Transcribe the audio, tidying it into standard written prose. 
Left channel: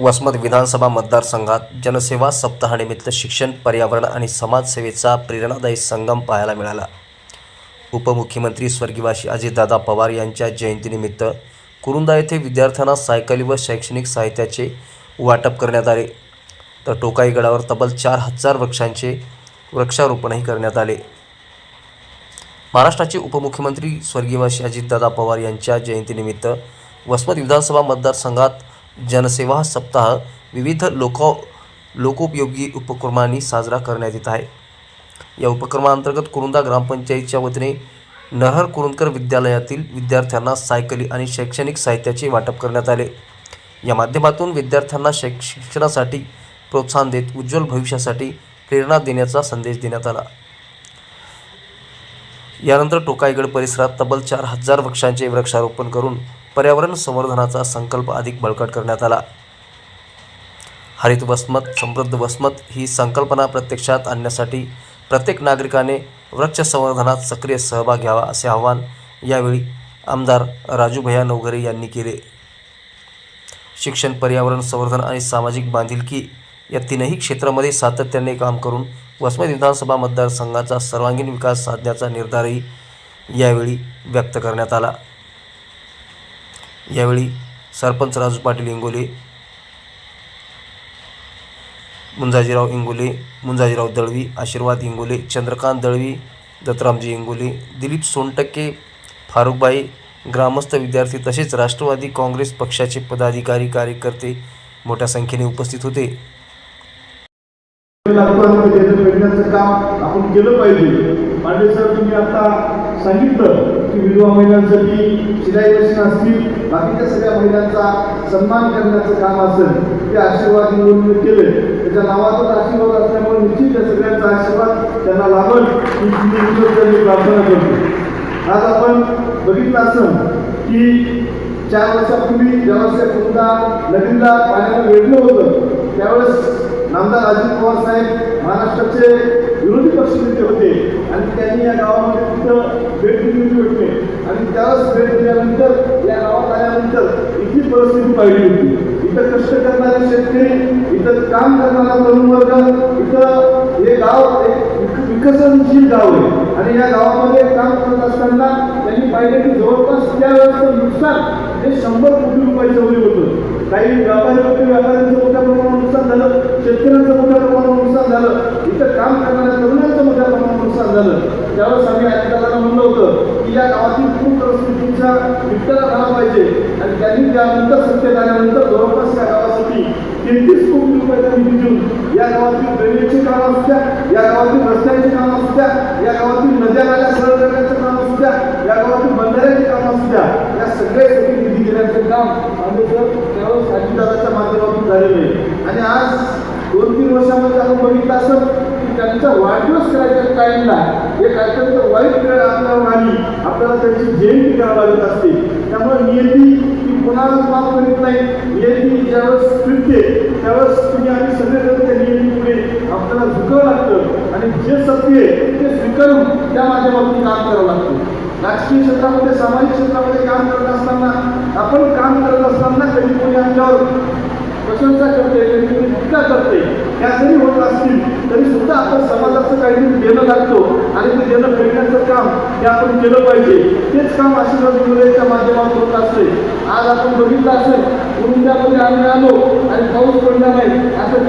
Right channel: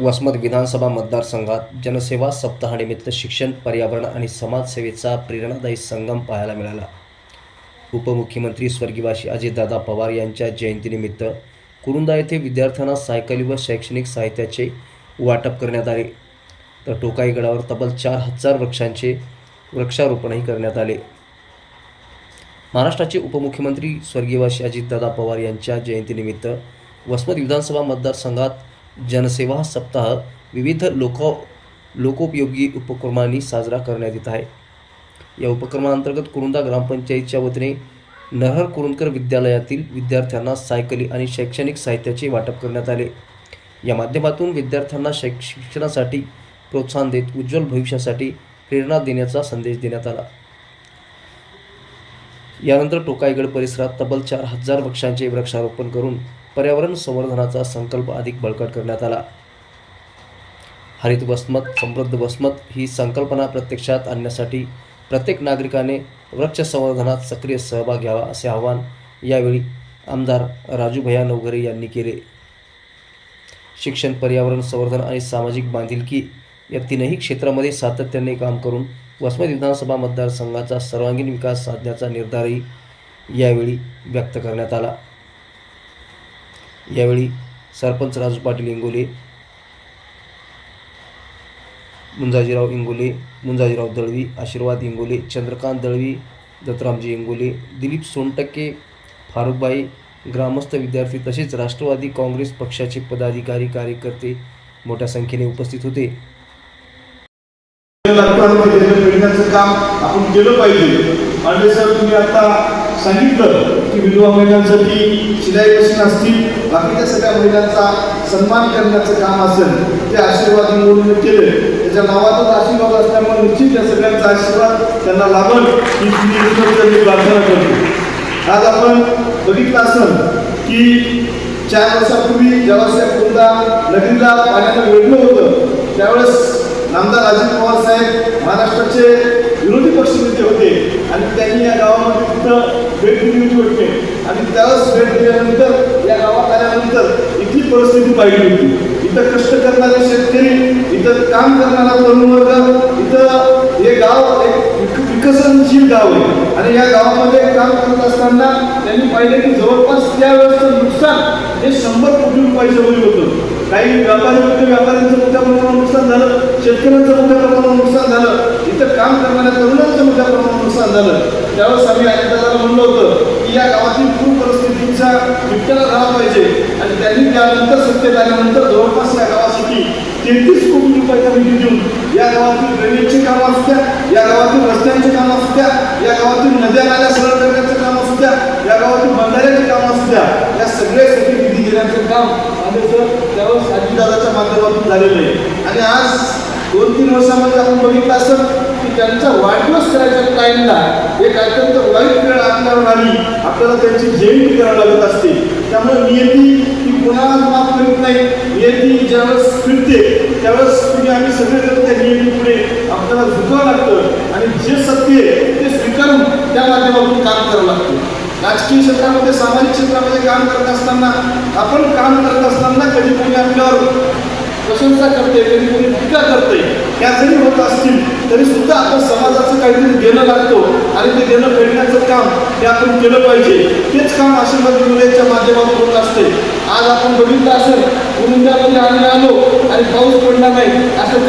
वसमत विधानसभा मतदारसंघात जनसेवा सप्ताहानिमित्त शिक्षण, पर्यावरण आणि समाजसेवेचा प्रेरणादायी संगम पाहायला मिळाला. उपमुख्यमंत्री स्वर्गीय अजितदादा पवार यांच्या जयंतीनिमित्त कुरुंदा येथे विद्यार्थ्यांना सायकली व शैक्षणिक साहित्याचे वाटप करण्यात आले, तर टोकाई गडावर तब्बल 4,000 वृक्षांचे वृक्षारोपणही करण्यात आले. महाराष्ट्राचे उपमुख्यमंत्री स्वर्गीय अजितदादा पवार यांच्या जयंतीनिमित्त वसमत विधानसभा मतदारसंघात जनसेवा सप्ताह विविध लोकोपयोगी उपक्रमांनी साजरा करण्यात येत आहे. या उपक्रमांतर्गत कुरुंदा ग्रामपंचायतीच्या वतीने नरहर कुरुंदकर विद्यालयातील विद्यार्थ्यांना सायकली आणि शैक्षणिक साहित्याचे वाटप करण्यात आले. या माध्यमातून विद्यार्थ्यांना शिक्षणासाठी प्रोत्साहन देत उज्ज्वल भविष्यासाठी प्रेरणा देण्याचा संदेश देण्यात आला. यानंतर टोकाईगड परिसरात तब्बल 4,000 वृक्षांचे वृक्षारोपण करून पर्यावरण संवर्धनाचा संकल्प अधिक बळकट करण्यात आला. हरित वसमत समृद्ध वसमत ही संकल्पना प्रत्यक्षात आणण्यासाठी प्रत्येक नागरिकाने वृक्ष संवर्धनात सक्रिय सहभाग घ्यावा, असे आवाहन यावेळी आमदार राजूभैया नवघरे यांनी केले. शिक्षण, पर्यावरण संवर्धन आणि सामाजिक बांधिलकी या तीनही क्षेत्रामध्ये सातत्याने काम करून वसमत विधानसभा मतदारसंघाचा सर्वांगीण विकास साधण्याचा निर्धारही यावेळी व्यक्त करण्यात आला. यावेळी सरपंच राजू पाटील इंगोले, मुंजाजीराव इंगोले, मुंजाजीराव दळवी, आशीर्वाद इंगोले, चंद्रकांत दळवी, दत्तरामजी इंगोले, दिलीप सोनटक्के, फारुकबाई, ग्रामस्थ, विद्यार्थी तसेच राष्ट्रवादी काँग्रेस पक्षाचे पदाधिकारी, कार्यकर्ते मोठ्या संख्येने उपस्थित होते. काम आपण केलं पाहिजे. आणि सर तुम्ही आता सांगितलं की विधवा महिलांसाठी शिलाई मशीन असतील, बाकीच्या सगळ्या महिलांचा सन्मान करण्याचं काम असेल ते आशीर्वाद इंगोलीने केलं. त्याच्या नावातच आशीर्वाद असल्यामुळे निश्चित त्या सगळ्यांचा आशीर्वाद त्यांना लाभल ही मी प्रार्थना करतो. आज आपण बघितलं असेल की 4 वर्षापूर्वी जेव्हा कुरुंदा नदीला पाण्यानं वेढलं होतं त्यावेळेस नामदार अजित पवार साहेब महाराष्ट्राचे विरोधी पक्षनेते होते आणि त्यांनी या गावामध्ये तिथं भेट दिली होती. आणि त्यावेळेस भेट दिल्यानंतर या गावात आल्यानंतर इथली परिस्थिती पाहिली होती. इथं कष्ट करणारे शेतकरी, इथं काम करणारा तरुण वर्ग, इथं हे गाव एक विकसनशील गाव आहे. आणि या गावामध्ये काम करत असताना त्यांनी पाहिलं की जवळपास त्यावेळेसचं नुकसान हे 100 कोटी रुपयाच्या वरील होतं. काही व्यापारी होते, व्यापाऱ्यांचं मोठ्या प्रमाणात नुकसान झालं, शेतकऱ्यांचं मोठ्या प्रमाणात नुकसान झालं, इथं काम करणाऱ्या तरुणांचं मोठ्या प्रमाणात नुकसान झालं. त्यावेळेस आम्ही अजितदादांना म्हणलं होतं की या गावातील पूर परिस्थितीचा निपटारा झाला पाहिजे. आणि त्यांनी त्यानंतर सत्तेत आल्यानंतर जवळपास या गावासाठी 33 कोटी रुपयाचा निधी देऊन या गावातील ड्रेनेजची कामं असू द्या, या गावातील रस्त्यांची कामं असू द्या, या गावातील नद्या नाल्या सरळ करण्याचं काम असू द्या, या गावातील बंधाऱ्याची कामं असू द्या, या सगळ्यासाठी निधी देण्याचं काम त्यावेळेस अजितदादाच्या माध्यमातून झालेलं आहे. आणि आज 2-3 वर्षामध्ये आपण बघितलं असं की त्यांचा वाढदिवस करायच्या टाईमला एक अत्यंत वाईट वेळ आपल्याला आली, आपल्याला त्यांची जयंती करावी लागत असते. त्यामुळे नियती ही कोणाला माफ करीत नाही. नियती ज्यावेळेस फिरते त्यावेळेस तुम्ही आम्ही सगळेजण त्या नियती पुढे आपल्याला झुकावं लागतं आणि जे सत्य आहे ते स्वीकारून त्या माध्यमातून काम करावं लागतं. राजकीय क्षेत्रामध्ये, सामाजिक क्षेत्रामध्ये काम करत असताना, आपण काम करत असताना कधी कोणी आपल्यावर प्रशंसा करते, कधी कोणी टीका करते, या जरी होत असतील तरी सुद्धा आपण समाजाचं काहीतरी देणं लागतो आणि ते देणं फेडण्याचं काम हे आपण केलं पाहिजे. तेच काम आशीर्वाद इंगोलेच्या माध्यमातून होत असते. आज आपण बघितलं असेल कुरुंद्यामध्ये आम्ही आलो आणि पाऊस पडला नाही असं